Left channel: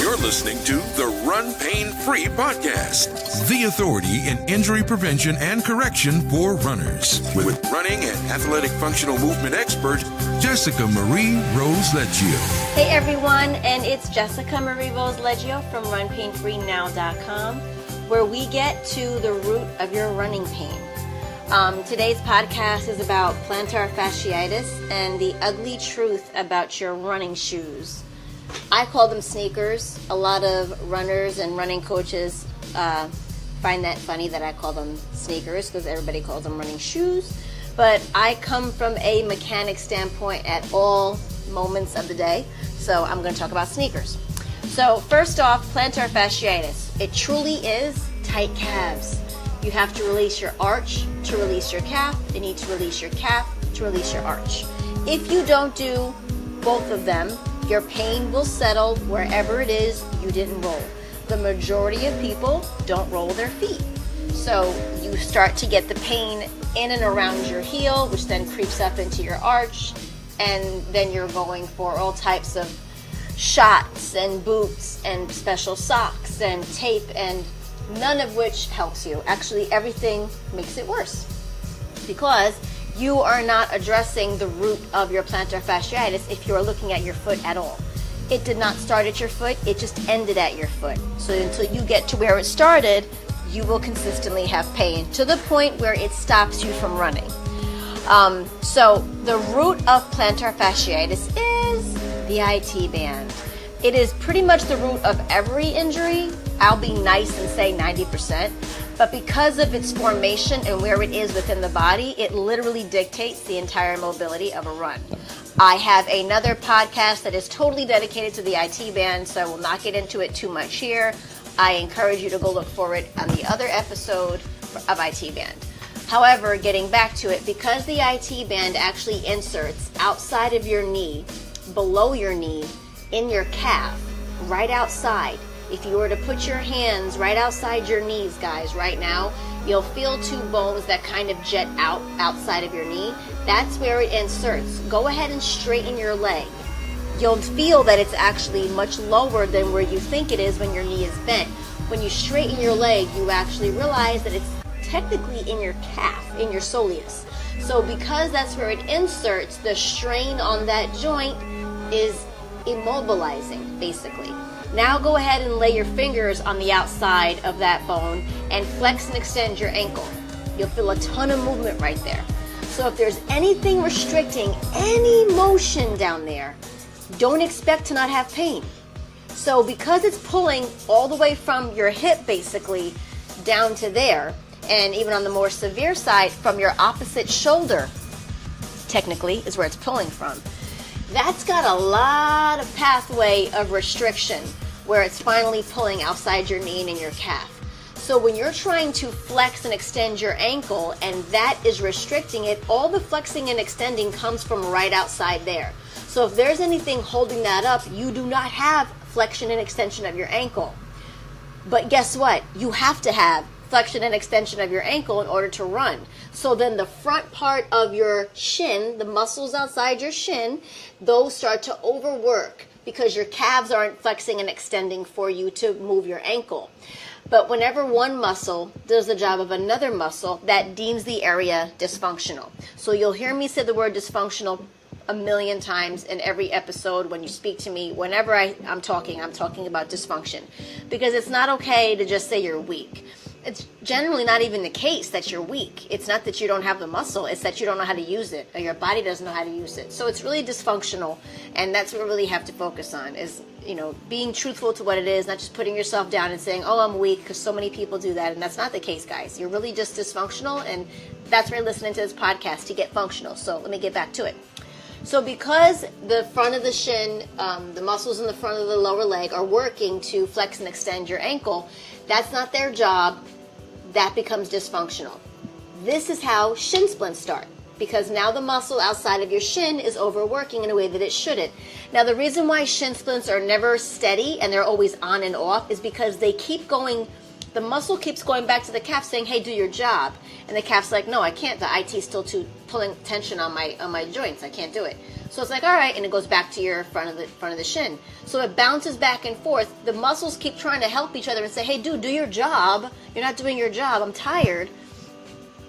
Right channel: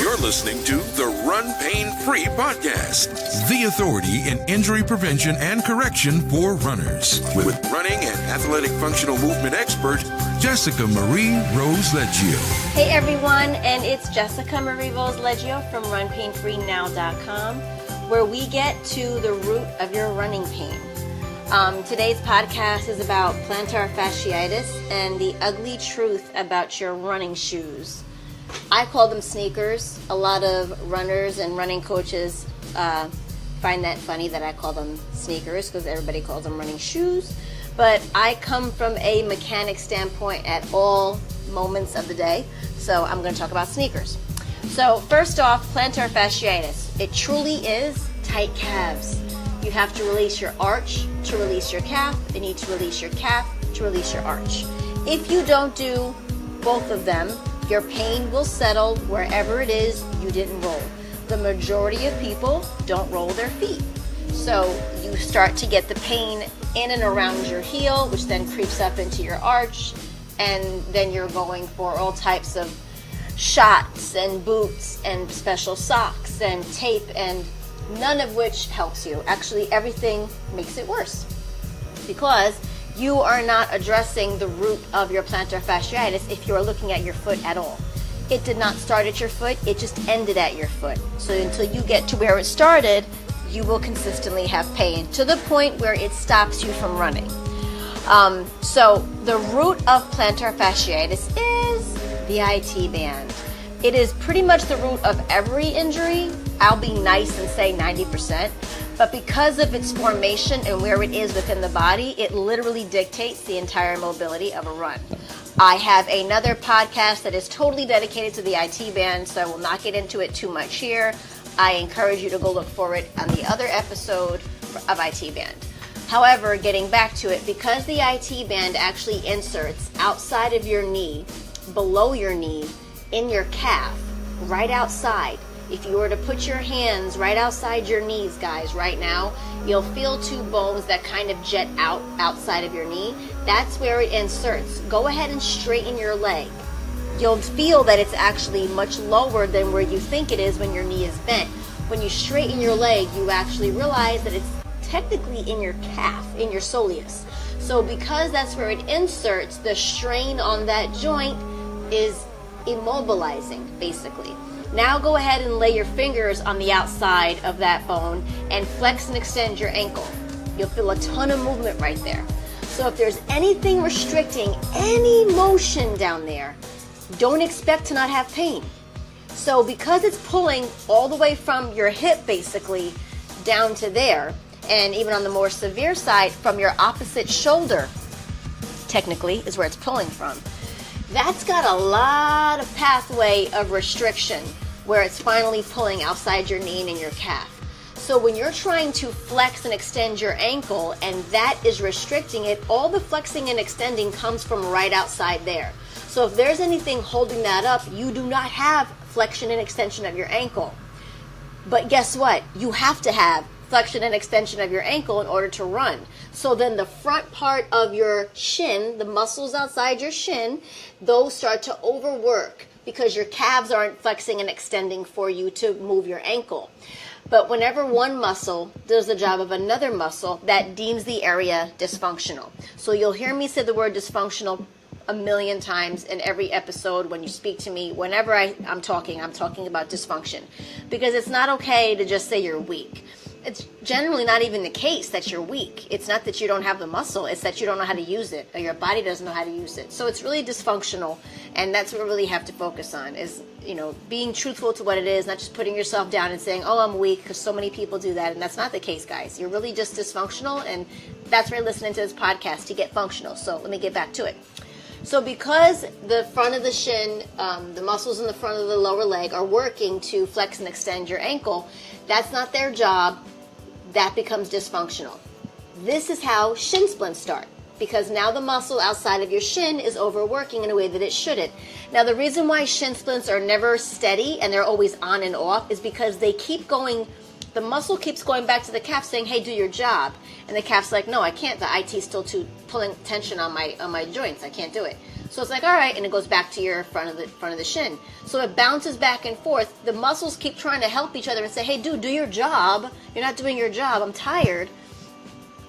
You're listening to the RunPainFree Podcast, the authority in injury prevention and correction for runners, with running and athletic functional movement expert, Jessica Marie Rose Leggio. Hey everyone, and it's Jessica Marie Rose Leggio from RunPainFreeNow.com, where we get to the root of your running pain. Today's podcast is about Plantar-Fasciitis and the ugly truth about your running shoes. I call them sneakers. A lot of runners and running coaches find that funny that I call them sneakers because everybody calls them running shoes. But I come from a mechanic standpoint at all moments of the day, so I'm going to talk about sneakers. So first off, plantar fasciitis. It truly is tight calves. You have to release your arch to release your calf. You need to release your calf to release your arch. If you don't do both of them, your pain will settle wherever it is you didn't roll. The majority of people don't roll their feet. So you start to get the pain in and around your heel, which then creeps up into your arch, and then you're going for all types of shots and boots and special socks and tape, and none of which helps you. Actually, everything makes it worse because you are not addressing the root of your plantar fasciitis if you are looking at your foot at all. It did not start at your foot, it just ended at your foot. So until you get to where it started, you will consistently have pain to the point where it stops you from running. So the root of plantar fasciitis is the IT band. It is pretty much the root of every injury. I'll be nice and say 90%, but because of its formation and where it is within the body, it literally dictates the entire mobility of a run. I have another podcast that is totally dedicated to the IT band, so I will not get into it too much here. I encourage you to go look for it on the other episode of IT band. However, getting back to it, because the IT band actually inserts outside of your knee, below your knee, in your calf, right outside. If you were to put your hands right outside your knees, guys, right now, you'll feel two bones that kind of jet out outside of your knee. That's where it inserts. Go ahead and straighten your leg. You'll feel that it's actually much lower than where you think it is when your knee is bent. When you straighten your leg, you actually realize that it's technically in your calf, in your soleus. So because that's where it inserts, the strain on that joint is immobilizing, basically. Now go ahead and lay your fingers on the outside of that bone and flex and extend your ankle. You'll feel a ton of movement right there. So if there's anything restricting any motion down there, don't expect to not have pain. So because it's pulling all the way from your hip basically down to there, and even on the more severe side from your opposite shoulder, technically is where it's pulling from. That's got a lot of pathway of restriction where it's finally pulling outside your knee and in your calf. So when you're trying to flex and extend your ankle and that is restricting it, all the flexing and extending comes from right outside there. So if there's anything holding that up, you do not have flexion and extension of your ankle. But guess what? You have to have flexion and extension of your ankle in order to run. So then the front part of your shin, the muscles outside your shin, those start to overwork because your calves aren't flexing and extending for you to move your ankle. But whenever one muscle does the job of another muscle, that deems the area dysfunctional. So you'll hear me say the word dysfunctional a million times in every episode when you speak to me. Whenever I'm talking about dysfunction. Because it's not okay to just say you're weak. It's generally not even the case that you're weak. It's not that you don't have the muscle. It's that you don't know how to use it or your body doesn't know how to use it. So it's really dysfunctional, and that's what we really have to focus on is, being truthful to what it is, not just putting yourself down and saying, oh, I'm weak, because so many people do that, and that's not the case, guys. You're really just dysfunctional, and that's why you're listening to this podcast, to get functional. So let me get back to it. So because the front of the shin, the muscles in the front of the lower leg are working to flex and extend your ankle, that's not their job. That becomes dysfunctional. This is how shin splints start, because now the muscle outside of your shin is overworking in a way that it shouldn't. Now, the reason why shin splints are never steady and they're always on and off is because they keep going, the muscle keeps going back to the calf saying, hey, do your job. And the calf's like, no, I can't. The IT's still pulling tension on my joints. I can't do it. So it's like, all right, and it goes back to your front of the shin. So it bounces back and forth. The muscles keep trying to help each other and say, hey, dude, do your job. You're not doing your job. I'm tired.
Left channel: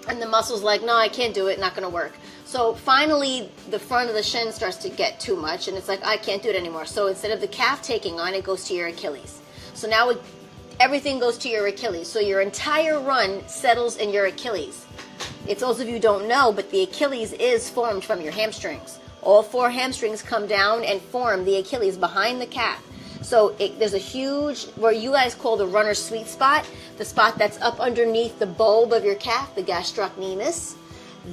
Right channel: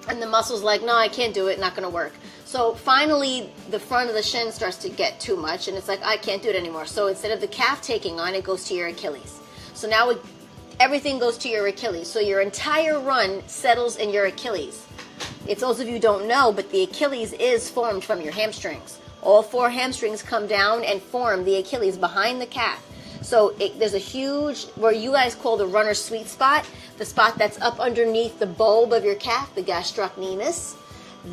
And the muscle's like, no, I can't do it. Not going to work. So finally, the front of the shin starts to get too much, and it's like, I can't do it anymore. So instead of the calf taking on, it goes to your Achilles. So now everything goes to your Achilles. So your entire run settles in your Achilles. If those of you don't know, but the Achilles is formed from your hamstrings. All 4 hamstrings come down and form the Achilles behind the calf. So there's a huge, where you guys call the runner's sweet spot, the spot that's up underneath the bulb of your calf, the gastrocnemius.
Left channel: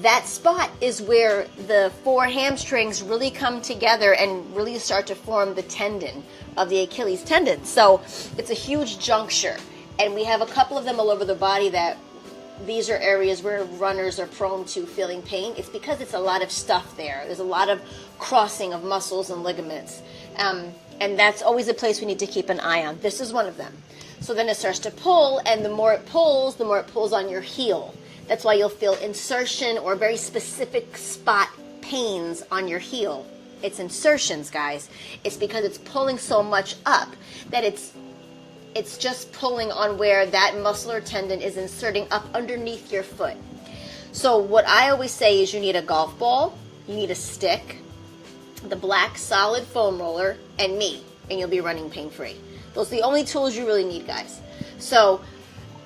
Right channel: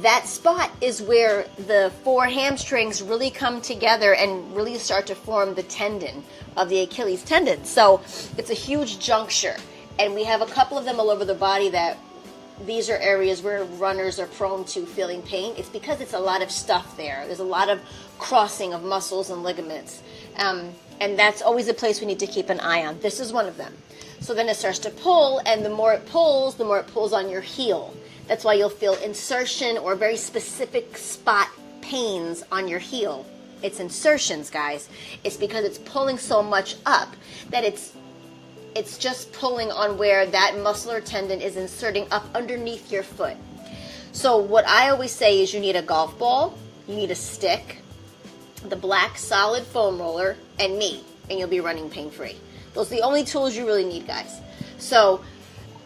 That spot is where the 4 hamstrings really come together and really start to form the tendon of the Achilles tendon. So it's a huge juncture. And we have a couple of them all over the body that these are areas where runners are prone to feeling pain. It's because it's a lot of stuff there. There's a lot of crossing of muscles and ligaments. And that's always a place we need to keep an eye on. This is one of them. So then it starts to pull, and the more it pulls on your heel. That's why you'll feel insertion or very specific spot pains on your heel. It's insertions, guys. It's because it's pulling so much up that it's just pulling on where that muscle or tendon is inserting up underneath your foot. So what I always say is you need a golf ball, you need a stick, the black solid foam roller, and me, and you'll be running pain-free. Those are the only tools you really need, guys. So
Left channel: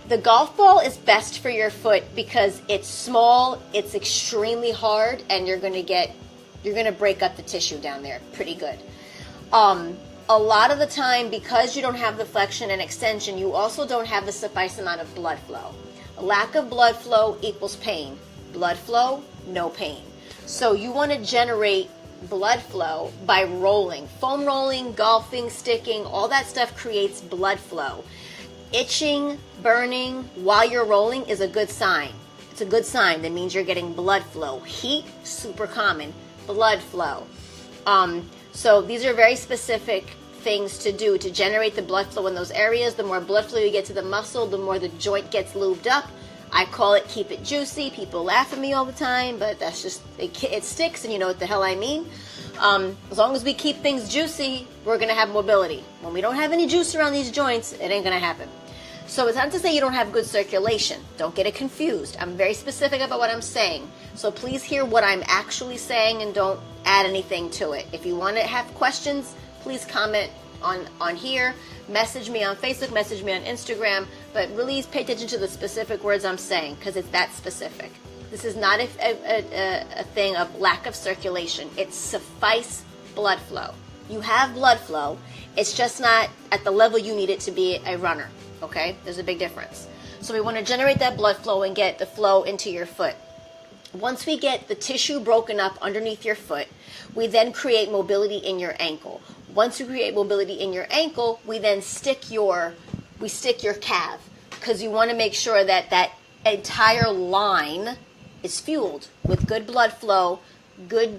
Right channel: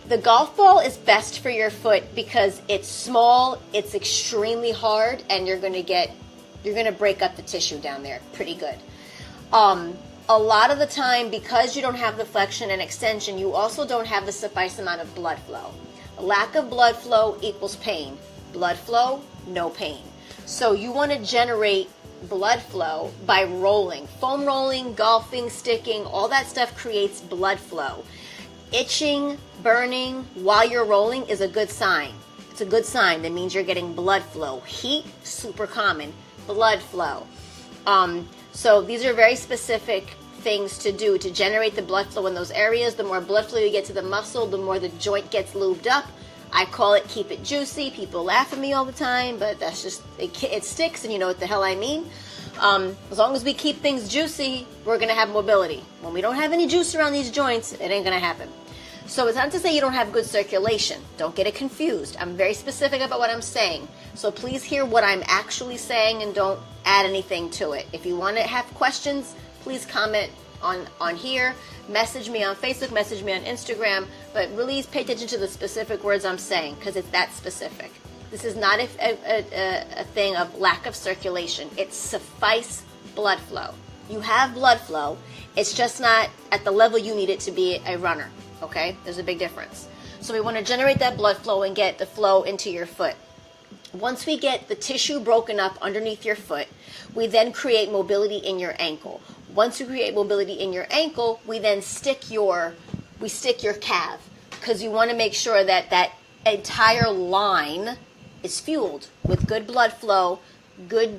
the golf ball is best for your foot because it's small, it's extremely hard, and you're gonna break up the tissue down there pretty good. A lot of the time, because you don't have the flexion and extension, you also don't have the suffice amount of blood flow. Lack of blood flow equals pain. Blood flow, no pain. So you want to generate blood flow by rolling. Foam rolling, golfing, sticking, all that stuff creates blood flow. Itching, burning while you're rolling is a good sign. It's a good sign. That means you're getting blood flow. Heat, super common. Blood flow. So these are very specific things to do to generate the blood flow in those areas. The more blood flow you get to the muscle, the more the joint gets lubed up. I call it keep it juicy. People laugh at me all the time, but that's just, it sticks, and you know what the hell I mean. As long as we keep things juicy, we're going to have mobility. When we don't have any juice around these joints, it ain't going to happen. So it's not to say you don't have good circulation. Don't get it confused. I'm very specific about what I'm saying. So please hear what I'm actually saying and don't add anything to it. If you want to have questions, please comment on here. Message me on Facebook, message me on Instagram. But really pay attention to the specific words I'm saying because it's that specific. This is not a thing of lack of circulation. It's suffice blood flow. You have blood flow. It's just not at the level you need it to be a runner. Okay? There's a big difference. So we want to generate that blood flow and get the flow into your foot. Once we get the tissue broken up underneath your foot, we then create mobility in your ankle. Once we create mobility in your ankle, we then stick your calf because you want to make sure that that entire line is fueled with good blood flow, good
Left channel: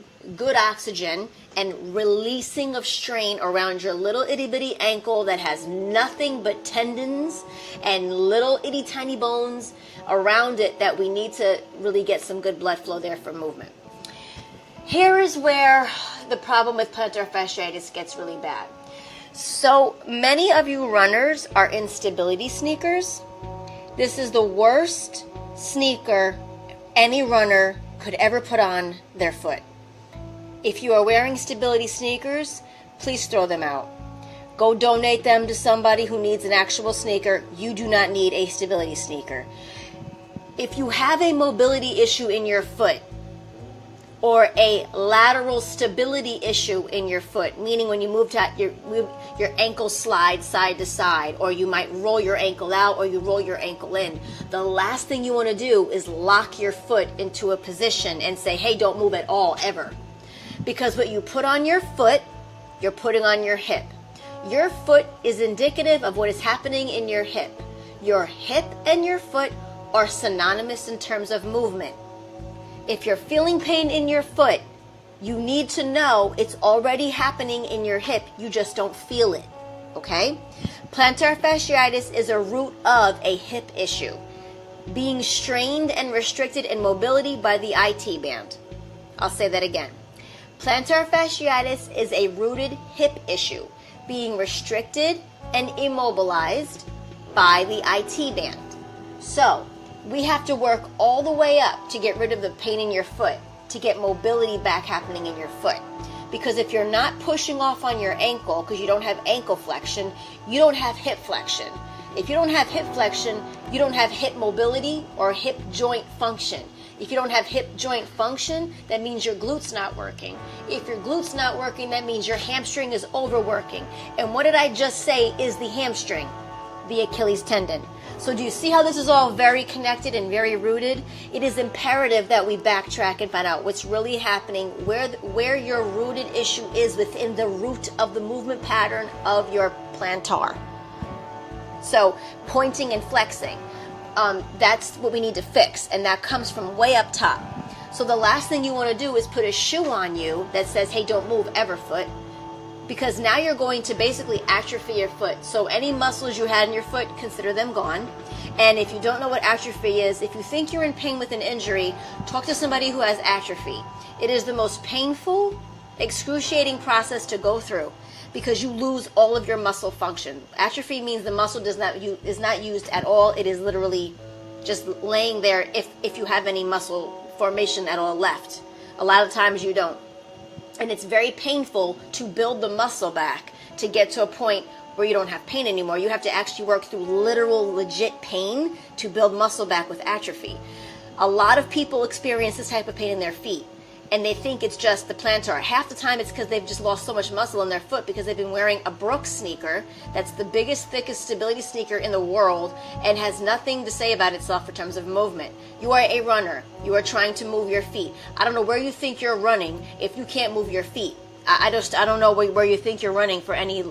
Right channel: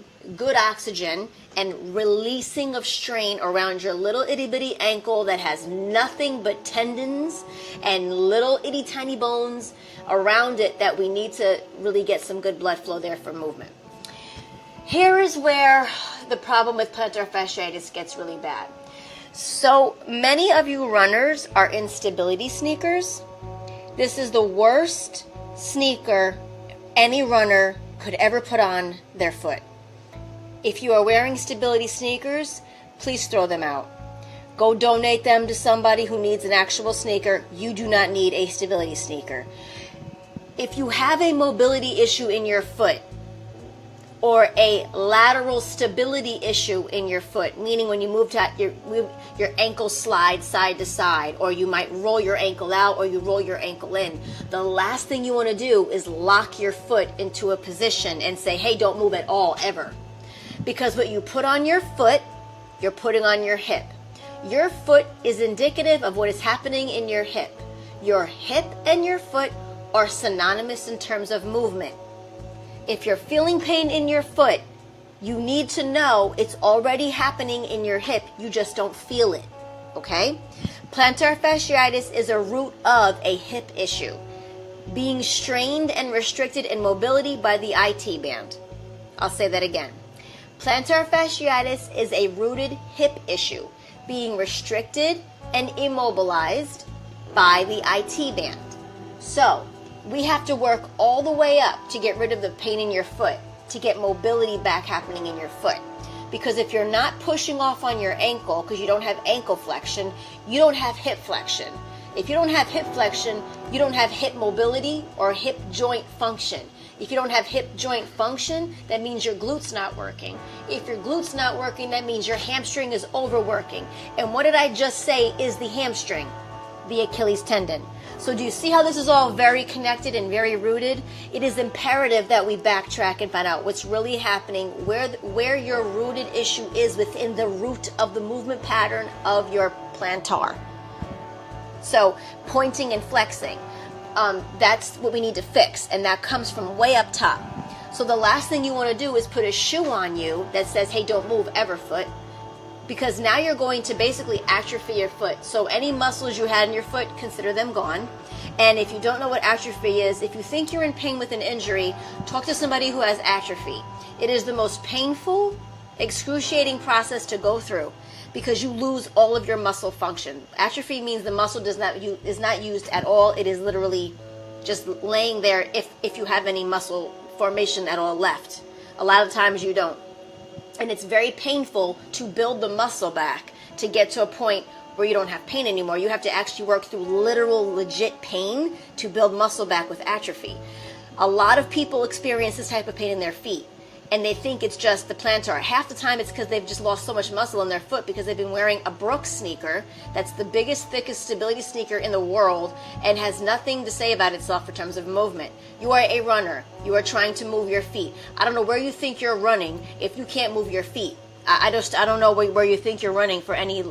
oxygen, and releasing of strain around your little itty bitty ankle that has nothing but tendons and little itty tiny bones around it that we need to really get some good blood flow there for movement. Here is where the problem with plantar fasciitis gets really bad. So many of you runners are in stability sneakers. This is the worst sneaker any runner could ever put on their foot. If you are wearing stability sneakers, please throw them out. Go donate them to somebody who needs an actual sneaker. You do not need a stability sneaker. If you have a mobility issue in your foot or a lateral stability issue in your foot, meaning when you move your ankle slides side to side, or you might roll your ankle out or you roll your ankle in, the last thing you want to do is lock your foot into a position and say, hey, don't move at all, ever. Because what you put on your foot, you're putting on your hip. Your foot is indicative of what is happening in your hip. Your hip and your foot are synonymous in terms of movement. If you're feeling pain in your foot, you need to know it's already happening in your hip. You just don't feel it, okay? Plantar fasciitis is a root of a hip issue, being strained and restricted in mobility by the IT band. I'll say that again. Plantar fasciitis is a rooted hip issue being restricted and immobilized by the IT band. So we have to work all the way up to get rid of the pain in your foot, to get mobility back happening in your foot. Because if you're not pushing off on your ankle because you don't have ankle flexion, you don't have hip flexion. If you don't have hip flexion, you don't have hip mobility or hip joint function. If you don't have hip joint function, that means your glute's not working. If your glute's not working, that means your hamstring is overworking. And what did I just say is the hamstring? The Achilles tendon. So do you see how this is all very connected and very rooted? It is imperative that we backtrack and find out what's really happening, where your rooted issue is within the root of the movement pattern of your plantar. So pointing and flexing, that's what we need to fix, and that comes from way up top. So the last thing you want to do is put a shoe on you that says, hey, don't move ever, foot. Because now you're going to basically atrophy your foot. So any muscles you had in your foot, consider them gone. And if you don't know what atrophy is, if you think you're in pain with an injury, talk to somebody who has atrophy. It is the most painful, excruciating process to go through because you lose all of your muscle function. Atrophy means the muscle is not used at all. It is literally just laying there if you have any muscle formation at all left. A lot of times you don't. And it's very painful to build the muscle back to get to a point where you don't have pain anymore. You have to actually work through literal, legit pain to build muscle back with atrophy. A lot of people experience this type of pain in their feet, and they think it's just the plantar. Half the time it's because they've just lost so much muscle in their foot because they've been wearing a Brooks sneaker that's the biggest, thickest stability sneaker in the world and has nothing to say about itself in terms of movement. You are a runner. You are trying to move your feet. I don't know where you think you're running if you can't move your feet. I don't know where you think you're running for any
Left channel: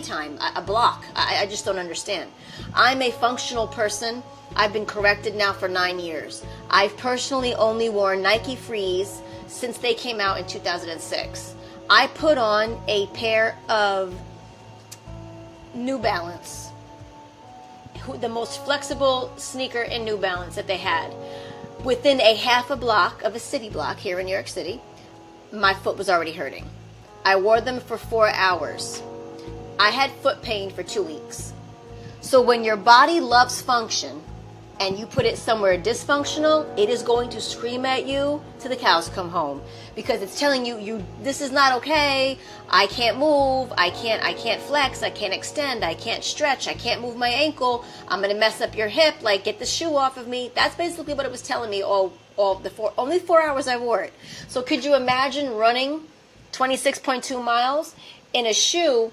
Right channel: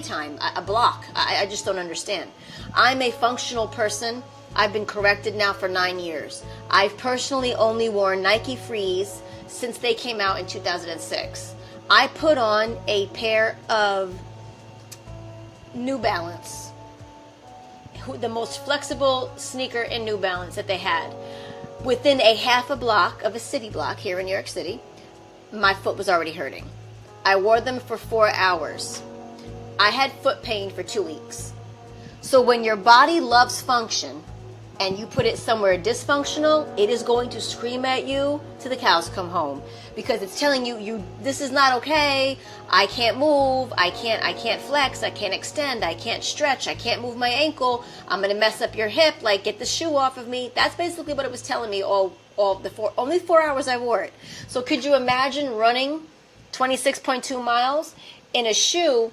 time, a block. I just don't understand. I'm a functional person. I've been corrected now for 9 years. I've personally only worn Nike Frees since they came out in 2006. I put on a pair of New Balance, the most flexible sneaker in New Balance that they had. Within a half a block of a city block here in New York City, my foot was already hurting. I wore them for 4 hours. I had foot pain for 2 weeks. So when your body loves function and you put it somewhere dysfunctional, it is going to scream at you till the cows come home because it's telling you this is not okay. I can't move. I can't flex. I can't extend. I can't stretch. I can't move my ankle. I'm going to mess up your hip. Like, get the shoe off of me. That's basically what it was telling me only 4 hours I wore it. So could you imagine running 26.2 miles in a shoe?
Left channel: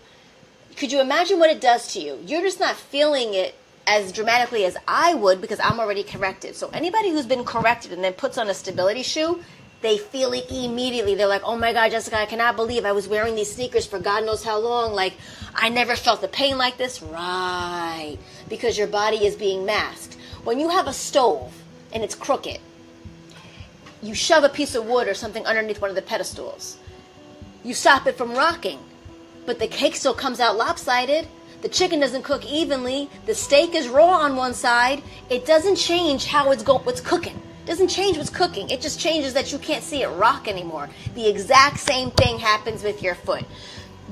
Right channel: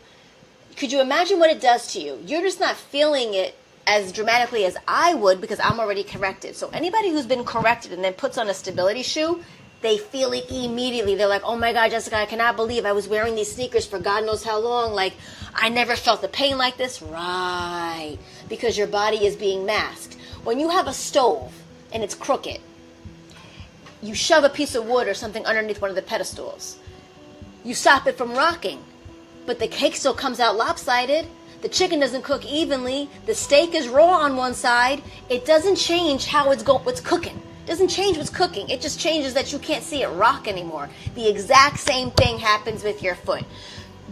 Could you imagine what it does to you? You're just not feeling it as dramatically as I would because I'm already corrected. So anybody who's been corrected and then puts on a stability shoe, they feel it immediately. They're like, oh my God, Jessica, I cannot believe I was wearing these sneakers for God knows how long. Like, I never felt the pain like this. Right. Because your body is being masked. When you have a stove and it's crooked, you shove a piece of wood or something underneath one of the pedestals. You stop it from rocking, but the cake still comes out lopsided. The chicken doesn't cook evenly. The steak is raw on one side. It doesn't change how what's cooking. It doesn't change what's cooking. It just changes that you can't see it rock anymore. The exact same thing happens with your foot.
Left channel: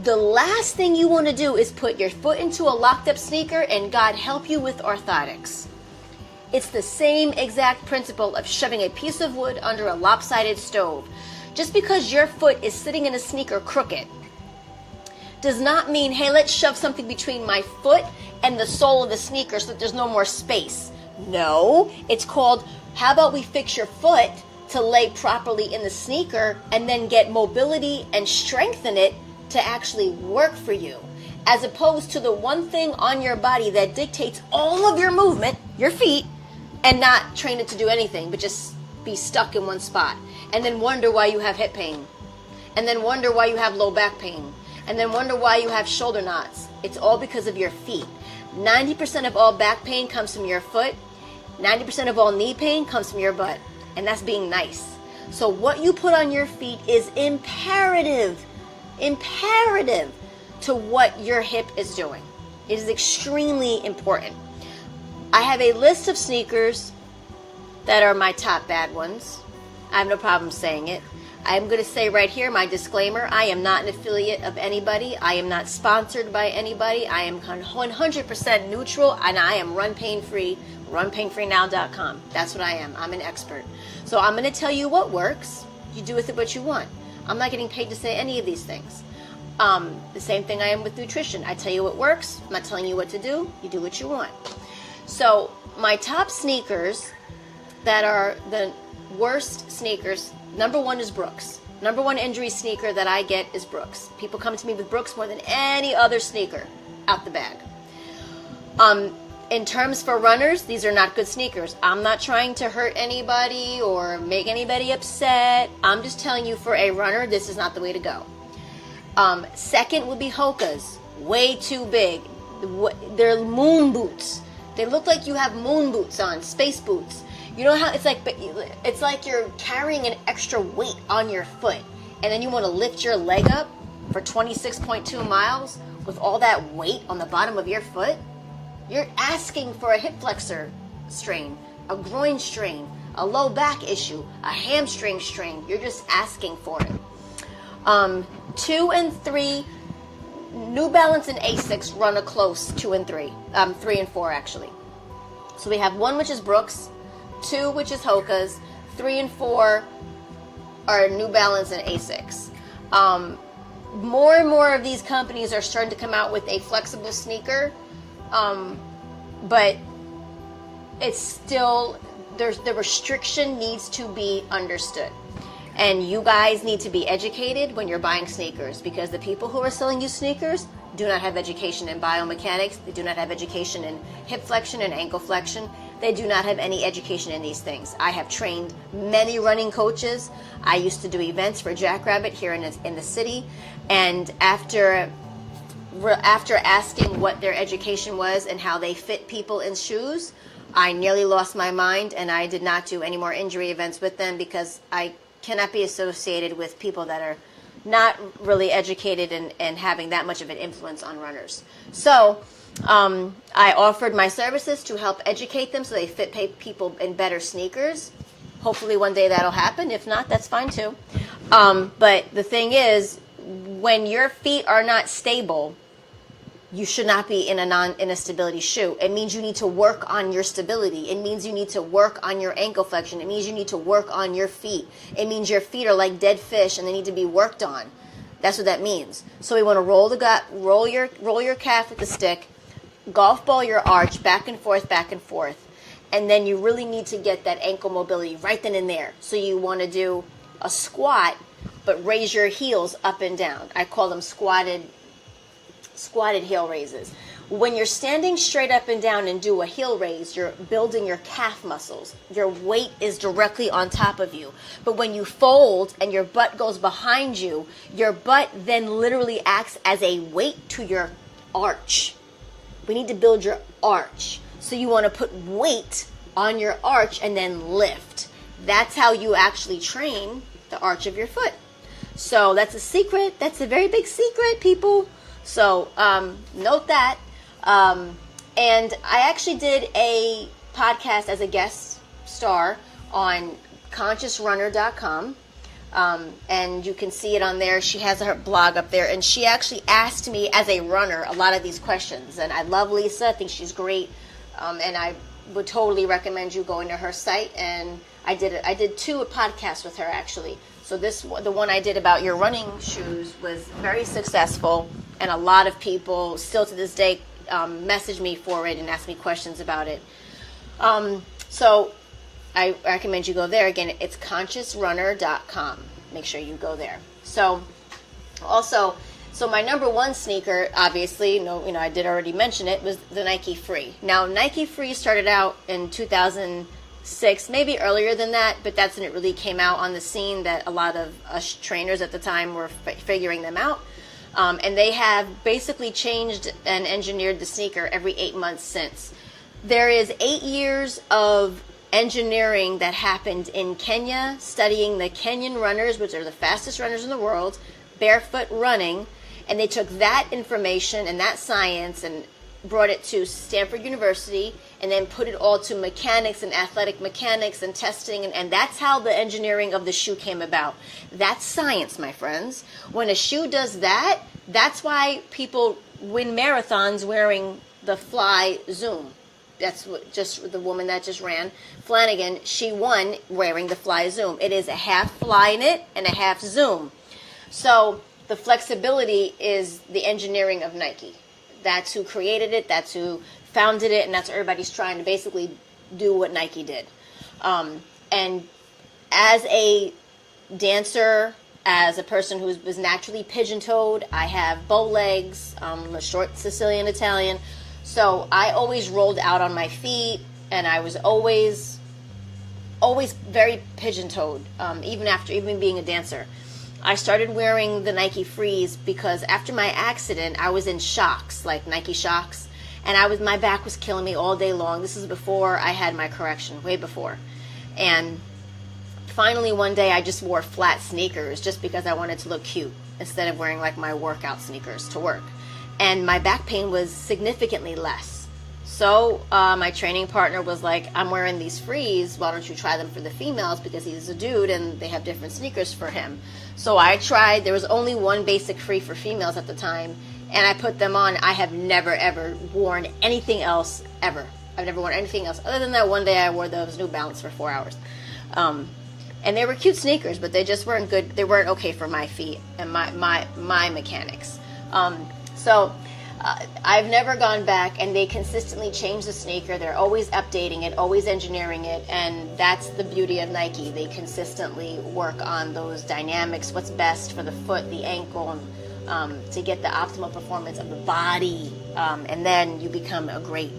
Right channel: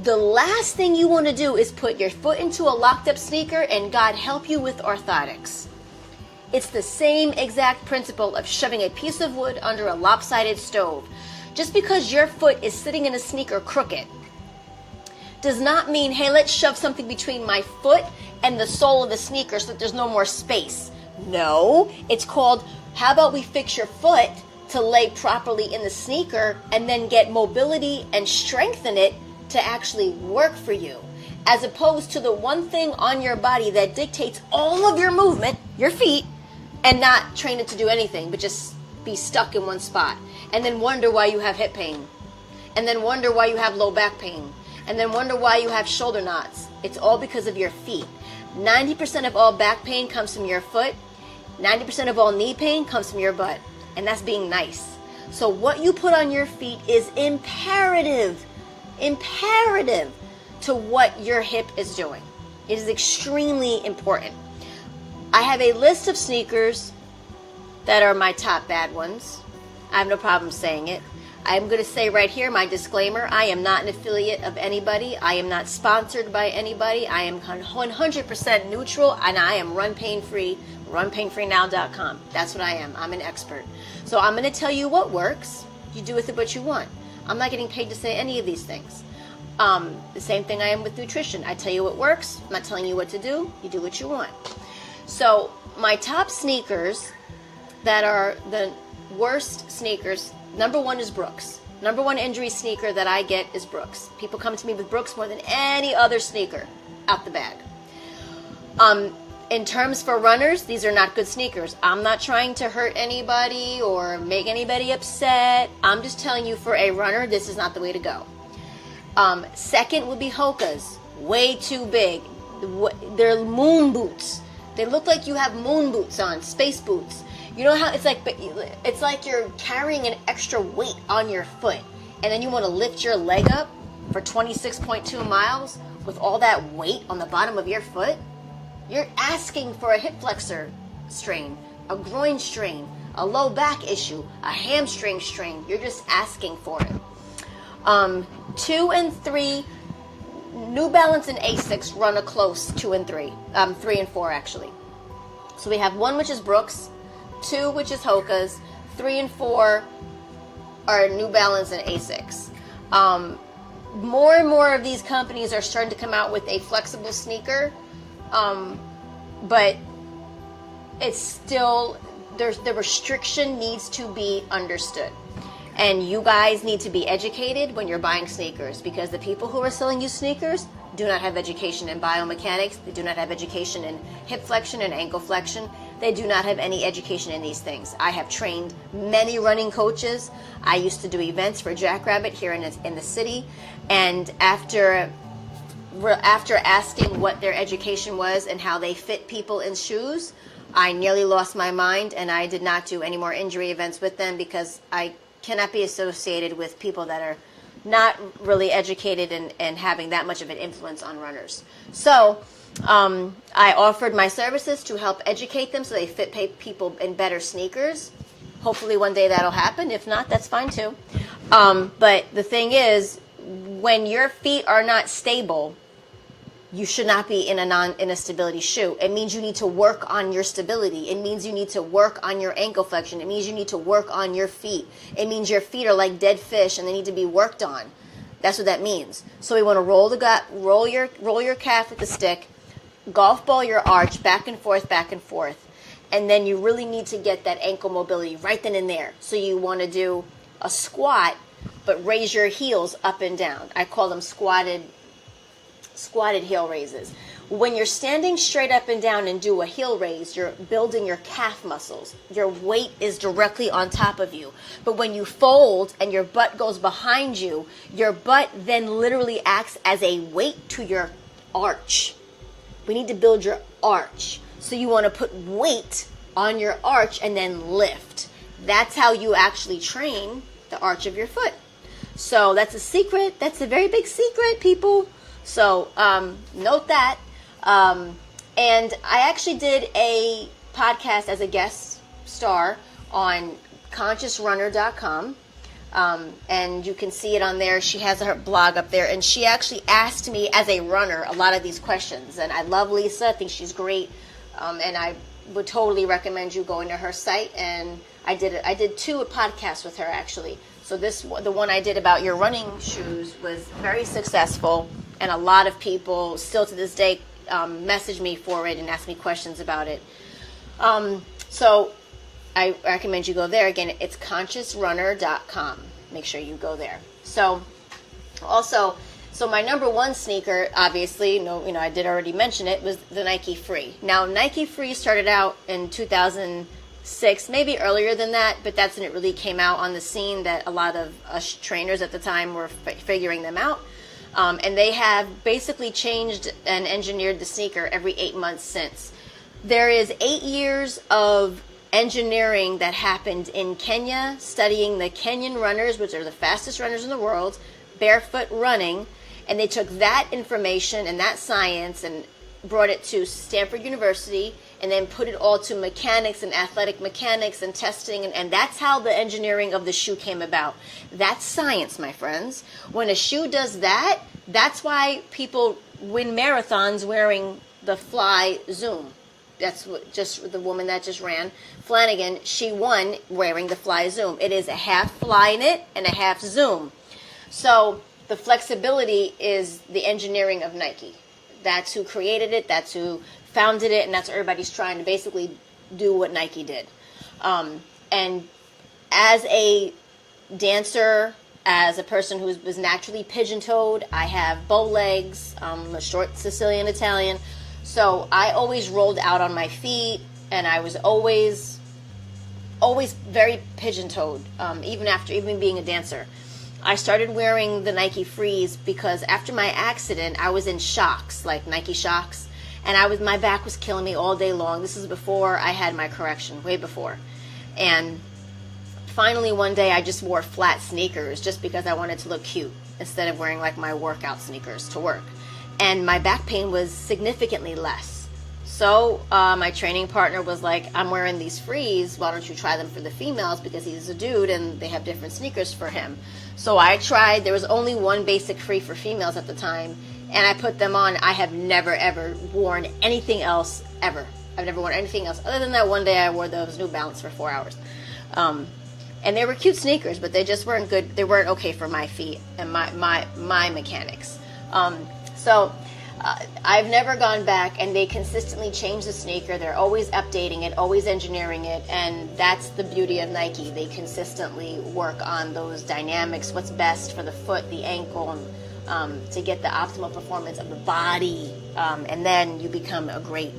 The last thing you want to do is put your foot into a locked up sneaker and God help you with orthotics. It's the same exact principle of shoving a piece of wood under a lopsided stove. Just because your foot is sitting in a sneaker crooked does not mean, hey, let's shove something between my foot and the sole of the sneaker so that there's no more space. No, it's called, how about we fix your foot to lay properly in the sneaker and then get mobility and strengthen it to actually work for you, as opposed to the one thing on your body that dictates all of your movement, your feet, and not train it to do anything, but just be stuck in one spot, and then wonder why you have hip pain, and then wonder why you have low back pain, and then wonder why you have shoulder knots. It's all because of your feet. 90% of all back pain comes from your foot. 90% of all knee pain comes from your butt, and that's being nice. So what you put on your feet is imperative to what your hip is doing. It is extremely important. I have a list of sneakers that are my top bad ones. I have no problem saying it. I'm going to say right here, my disclaimer, I am not an affiliate of anybody. I am not sponsored by anybody. I am 100% neutral, and I am RunPainFree, RunPainFreeNow.com. That's what I am. I'm an expert. So I'm going to tell you what works. You do with it what you want. I'm not getting paid to say any of these things. The same thing I am with nutrition. I tell you what works. I'm not telling you what to do. You do what you want. So my top sneakers that are the worst sneakers, number one is Brooks. Number one injury sneaker that I get is Brooks. People come to me with Brooks more than any other sneaker out the bag. In terms for runners, these are not good sneakers. I'm not trying to hurt anybody or make anybody upset. I'm just telling you, for a runner, this is not the way to go. Second would be Hoka's. Way too big. They're moon boots. They look like you have moon boots on, space boots. You know how it's like you're carrying an extra weight on your foot, and then you want to lift your leg up for 26.2 miles with all that weight on the bottom of your foot? You're asking for a hip flexor strain, a groin strain, a low back issue, a hamstring strain. You're just asking for it. 2 and 3, New Balance and Asics run a close 2 and 3. 3 and 4 actually. So we have 1 which is Brooks, 2 which is Hoka's, 3 and 4 are New Balance and Asics. More and more of these companies are starting to come out with a flexible sneaker, but it's still, the restriction needs to be understood. And you guys need to be educated when you're buying sneakers, because the people who are selling you sneakers do not have education in biomechanics. They do not have education in hip flexion and ankle flexion. They do not have any education in these things. I have trained many running coaches. I used to do events for Jackrabbit here in the city. And after asking what their education was and how they fit people in shoes, I nearly lost my mind, and I did not do any more injury events with them, because I cannot be associated with people that are not really educated and having that much of an influence on runners. So I offered my services to help educate them so they fit people in better sneakers. Hopefully one day that'll happen. If not, that's fine too. But the thing is, when your feet are not stable, you should not be in a stability shoe. It means you need to work on your stability. It means you need to work on your ankle flexion. It means you need to work on your feet. It means your feet are like dead fish and they need to be worked on. That's what that means. So we want to roll your calf with the stick, golf ball your arch back and forth, and then you really need to get that ankle mobility right then and there. So you want to do a squat, but raise your heels up and down. I call them squatted heel raises. When you're standing straight up and down and do a heel raise, you're building your calf muscles. Your weight is directly on top of you. But when you fold and your butt goes behind you, your butt then literally acts as a weight to your arch. We need to build your arch. So you want to put weight on your arch and then lift. That's how you actually train the arch of your foot. So that's a secret. That's a very big secret, people. So note that. And I actually did a podcast as a guest star on ConsciousRunner.com. And you can see it on there. She has her blog up there. And she actually asked me as a runner a lot of these questions. And I love Lisa. I think she's great. And I would totally recommend you go into her site. And I did 2 podcasts with her, actually. So the one I did about your running shoes was very successful. And a lot of people still to this day message me for it and ask me questions about it. So I recommend you go there. Again, it's ConsciousRunner.com. Make sure you go there. So my number one sneaker, obviously, I did already mention it, was the Nike Free. Now, Nike Free started out in 2006, maybe earlier than that, but that's when it really came out on the scene that a lot of us trainers at the time were figuring them out. And they have basically changed and engineered the sneaker every 8 months since. There is 8 years of engineering that happened in Kenya, studying the Kenyan runners, which are the fastest runners in the world, barefoot running, and they took that information and that science and brought it to Stanford University and then put it all to mechanics and athletic mechanics and testing. And that's how the engineering of the shoe came about. That's science, my friends. When a shoe does that, that's why people win marathons wearing the Fly Zoom. That's what, just the woman that just ran, Flanagan, she won wearing the Fly Zoom. It is a half Flyknit and a half Zoom. So the flexibility is the engineering of Nike. That's who created it, that's who founded it, and that's what everybody's trying to basically do what Nike did. And as a dancer, as a person who was naturally pigeon-toed, I have bow legs, I'm a short Sicilian Italian, so I always rolled out on my feet, and I was always very pigeon-toed, even being a dancer. I started wearing the Nike Frees because after my accident, I was in shocks, like Nike shocks, and my back was killing me all day long. This is before I had my correction, way before. And finally one day I just wore flat sneakers just because I wanted to look cute instead of wearing like my workout sneakers to work. And my back pain was significantly less. So my training partner was like, I'm wearing these Frees, why don't you try them for the females, because he's a dude and they have different sneakers for him. So I tried. There was only one basic Free for females at the time, and I put them on. I have never, ever worn anything else, ever. I've never worn anything else. Other than that one day I wore those New Balance for 4 hours. And they were cute sneakers, but they just weren't good. They weren't okay for my feet and my mechanics. I've never gone back, and they consistently change the sneaker. They're always updating it, always engineering it, and that's the beauty of Nike. They consistently work on those dynamics, what's best for the foot, the ankle, to get the optimal performance of the body, and then you become a great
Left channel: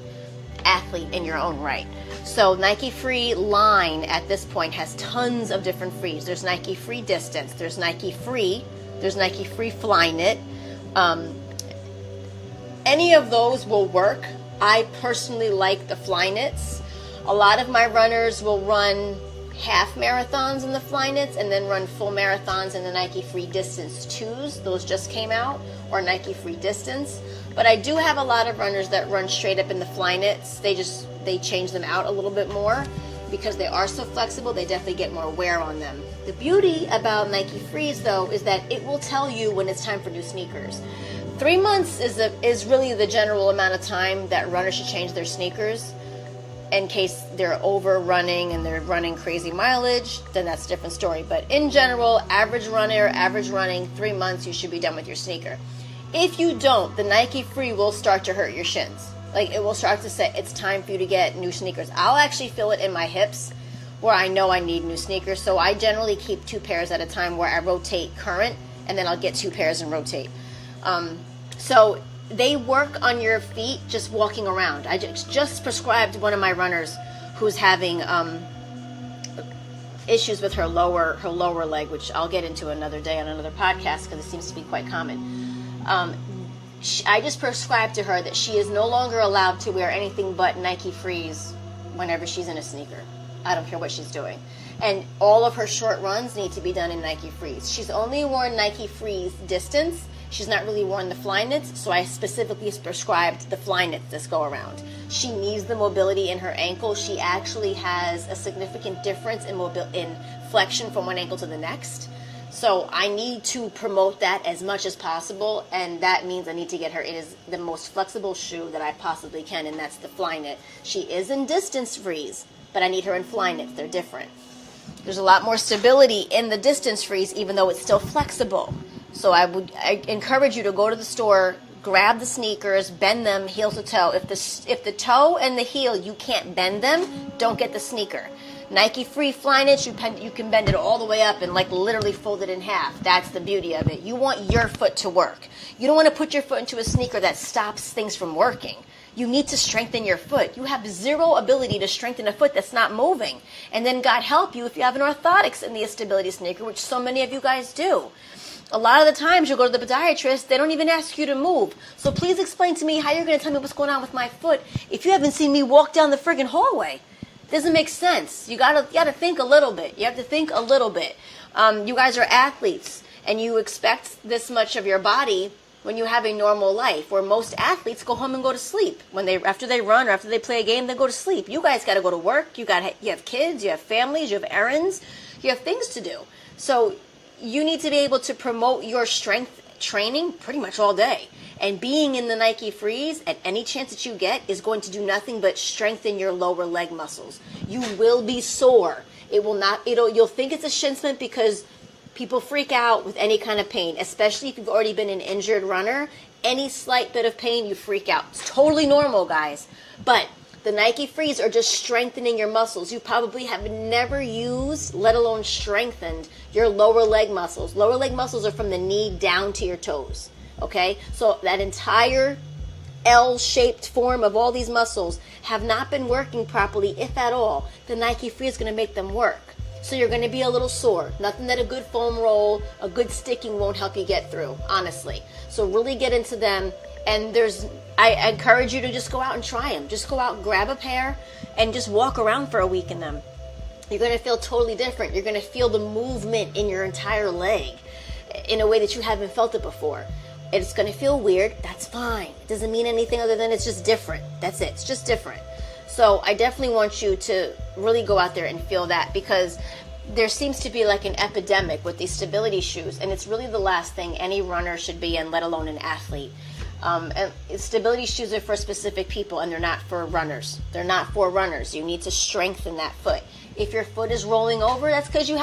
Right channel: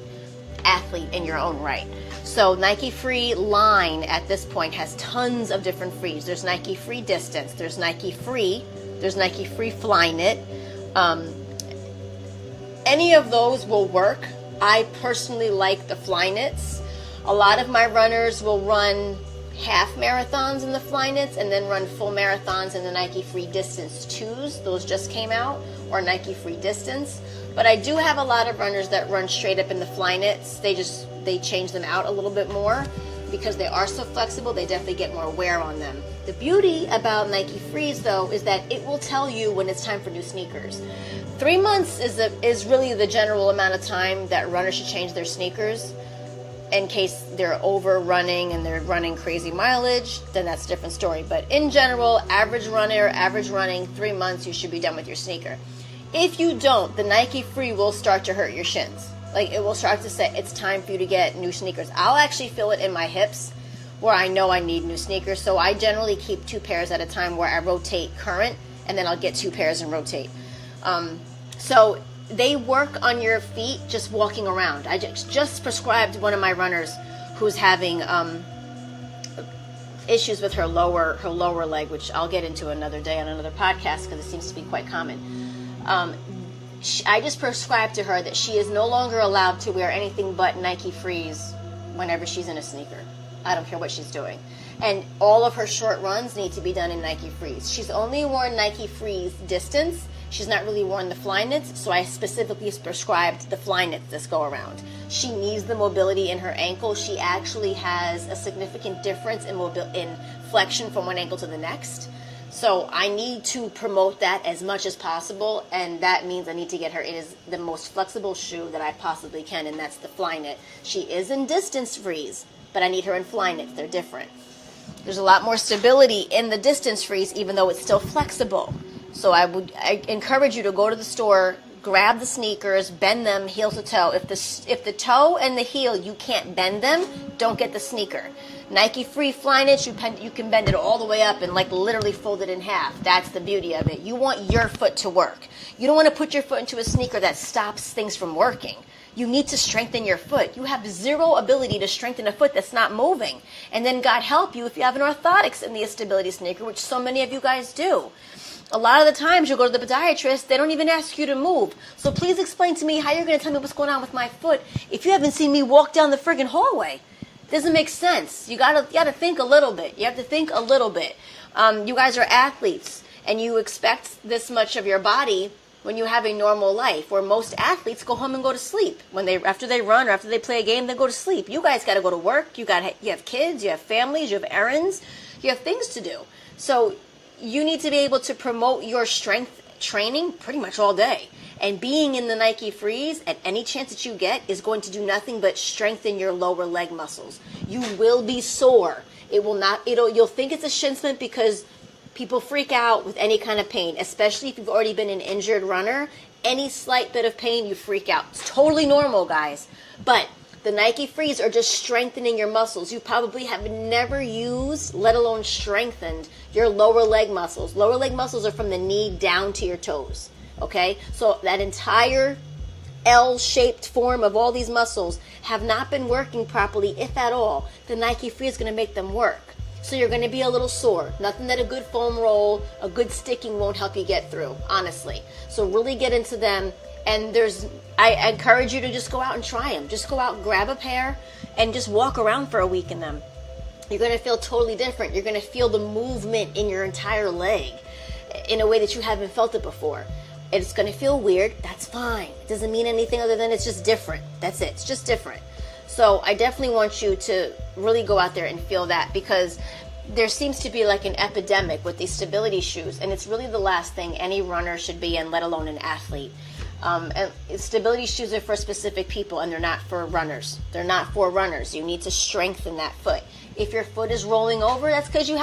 athlete in your own right. So Nike Free line at this point has tons of different Frees. There's Nike Free Distance, there's Nike Free Flyknit. Any of those will work. I personally like the Flyknits. A lot of my runners will run half marathons in the Flyknits and then run full marathons in the Nike Free Distance 2s. Those just came out, or Nike Free Distance. But I do have a lot of runners that run straight up in the Flyknits. They change them out a little bit more because they are so flexible. They definitely get more wear on them. The beauty about Nike Frees, though, is that it will tell you when it's time for new sneakers. 3 months is really the general amount of time that runners should change their sneakers. In case they're over running and they're running crazy mileage, then that's a different story. But in general, average running, 3 months, you should be done with your sneaker. If you don't, the Nike Free will start to hurt your shins. Like, it will start to say it's time for you to get new sneakers. I'll actually feel it in my hips where I know I need new sneakers. So I generally keep 2 pairs at a time where I rotate current, and then I'll get 2 pairs and rotate. So they work on your feet just walking around. I just prescribed one of my runners who's having issues with her lower leg, which I'll get into another day on another podcast because it seems to be quite common. I just prescribed to her that she is no longer allowed to wear anything but Nike Frees whenever she's in a sneaker. I don't care what she's doing. And all of her short runs need to be done in Nike Frees. She's only worn Nike Frees Distance. She's not really worn the Flyknits, so I specifically prescribed the Flyknits this go around. She needs the mobility in her ankle. She actually has a significant difference in flexion from one ankle to the next. So I need to promote that as much as possible, and that means I need to get her. It is the most flexible shoe that I possibly can, and that's the Flyknit. She is in Distance Frees, but I need her in Flyknits. They're different. There's a lot more stability in the Distance Frees, even though it's still flexible. So I encourage you to go to the store, grab the sneakers, bend them heel to toe. If the toe and the heel, you can't bend them, don't get the sneaker. Nike Free Flyknits, you can bend it all the way up and like literally fold it in half. That's the beauty of it. You want your foot to work. You don't want to put your foot into a sneaker that stops things from working. You need to strengthen your foot. You have zero ability to strengthen a foot that's not moving. And then God help you if you have an orthotics in the stability sneaker, which so many of you guys do. A lot of the times you go to the podiatrist, they don't even ask you to move. So please explain to me how you're going to tell me what's going on with my foot if you haven't seen me walk down the friggin' hallway. Doesn't make sense. You gotta think a little bit. You have to think a little bit. You guys are athletes, and you expect this much of your body when you have a normal life, where most athletes go home and go to sleep. After they run or after they play a game, they go to sleep. You guys got to go to work. You have kids, you have families, you have errands, you have things to do. So you need to be able to promote your strength training pretty much all day. And being in the Nike Frees at any chance that you get is going to do nothing but strengthen your lower leg muscles. You will be sore. You'll think it's a shin splint because people freak out with any kind of pain, especially if you've already been an injured runner. Any slight bit of pain, you freak out. It's totally normal, guys. But the Nike Frees are just strengthening your muscles. You probably have never used, let alone strengthened, your lower leg muscles. Lower leg muscles are from the knee down to your toes, okay? So that entire L-shaped form of all these muscles have not been working properly, if at all. The Nike Free is going to make them work. So you're going to be a little sore. Nothing that a good foam roll, a good sticking won't help you get through, honestly. So really get into them. And I encourage you to just go out and try them. Just go out and grab a pair and just walk around for a week in them. You're going to feel totally different. You're going to feel the movement in your entire leg in a way that you haven't felt it before. And it's going to feel weird. That's fine. It doesn't mean anything other than it's just different. That's it. It's just different. So I definitely want you to really go out there and feel that, because there seems to be like an epidemic with these stability shoes, and it's really the last thing any runner should be in, let alone an athlete. And stability shoes are for specific people, and they're not for runners. They're not for runners. You need to strengthen that foot. If your foot is rolling over, that's because your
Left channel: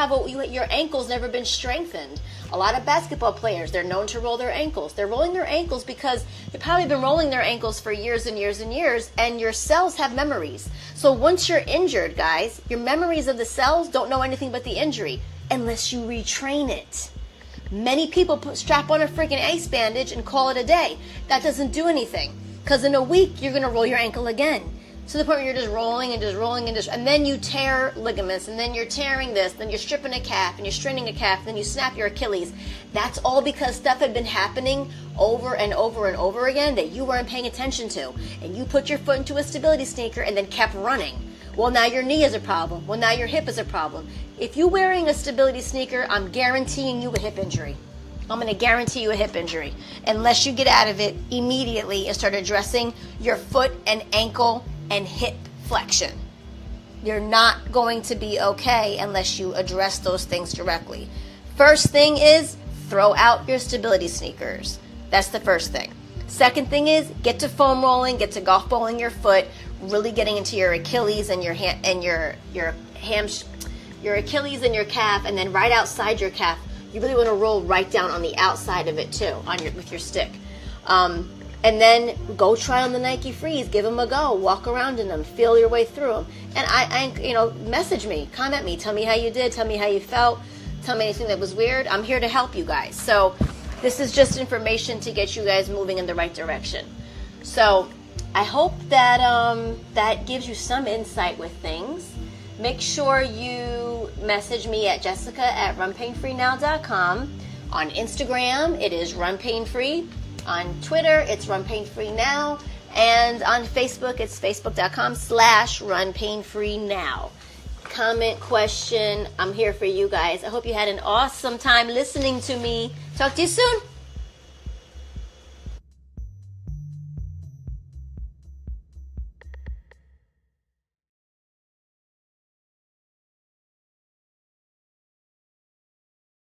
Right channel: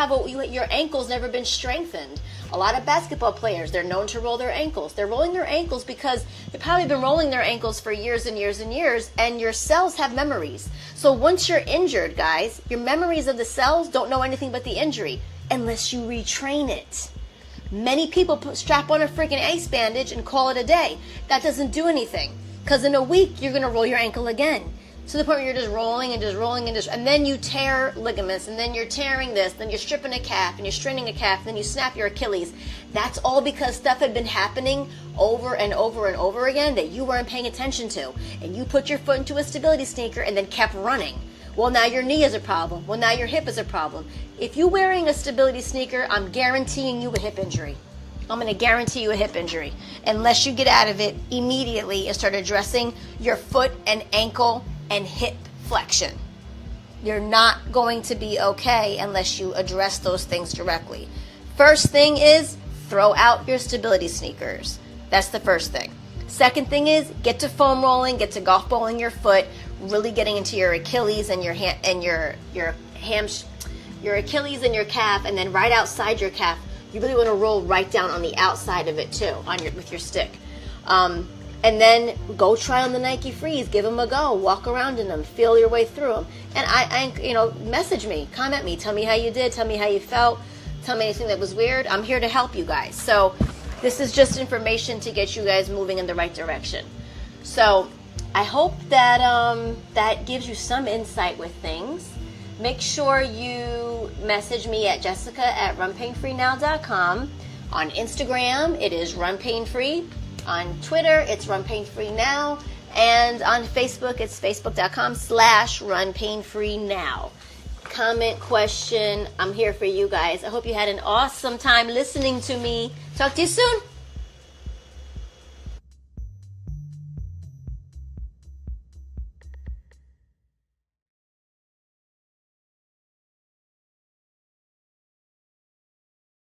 ankle's never been strengthened. A lot of basketball players, they're known to roll their ankles. They're rolling their ankles because they've probably been rolling their ankles for years and years and years, and your cells have memories. So once you're injured, guys, your memories of the cells don't know anything but the injury unless you retrain it. Many people strap on a freaking ace bandage and call it a day. That doesn't do anything, because in a week, you're going to roll your ankle again. To the point where you're just rolling and then you tear ligaments, and then you're tearing this, then you're stripping a calf, and you're straining a calf, and then you snap your Achilles. That's all because stuff had been happening over and over and over again that you weren't paying attention to. And you put your foot into a stability sneaker and then kept running. Well, now your knee is a problem. Well, now your hip is a problem. If you're wearing a stability sneaker, I'm guaranteeing you a hip injury. I'm going to guarantee you a hip injury unless you get out of it immediately and start addressing your foot and ankle and hip flexion. You're not going to be okay unless you address those things directly. First thing is throw out your stability sneakers. That's the first thing. Second thing is get to foam rolling, get to golf balling your foot, really getting into your Achilles and your Achilles and your calf, and then right outside your calf, you really want to roll right down on the outside of it too, with your stick. And then go try on the Nike Frees. Give them a go. Walk around in them. Feel your way through them. And I message me, comment me, tell me how you did, tell me how you felt, tell me anything that was weird. I'm here to help you guys. So this is just information to get you guys moving in the right direction. So I hope that that gives you some insight with things. Make sure you message me at jessica@runpainfreenow.com. On Instagram, it is RunPainFree. On Twitter, it's RunPainFreeNow. And on Facebook, it's facebook.com/RunPainFreeNow. Comment, question, I'm here for you guys. I hope you had an awesome time listening to me. Talk to you soon.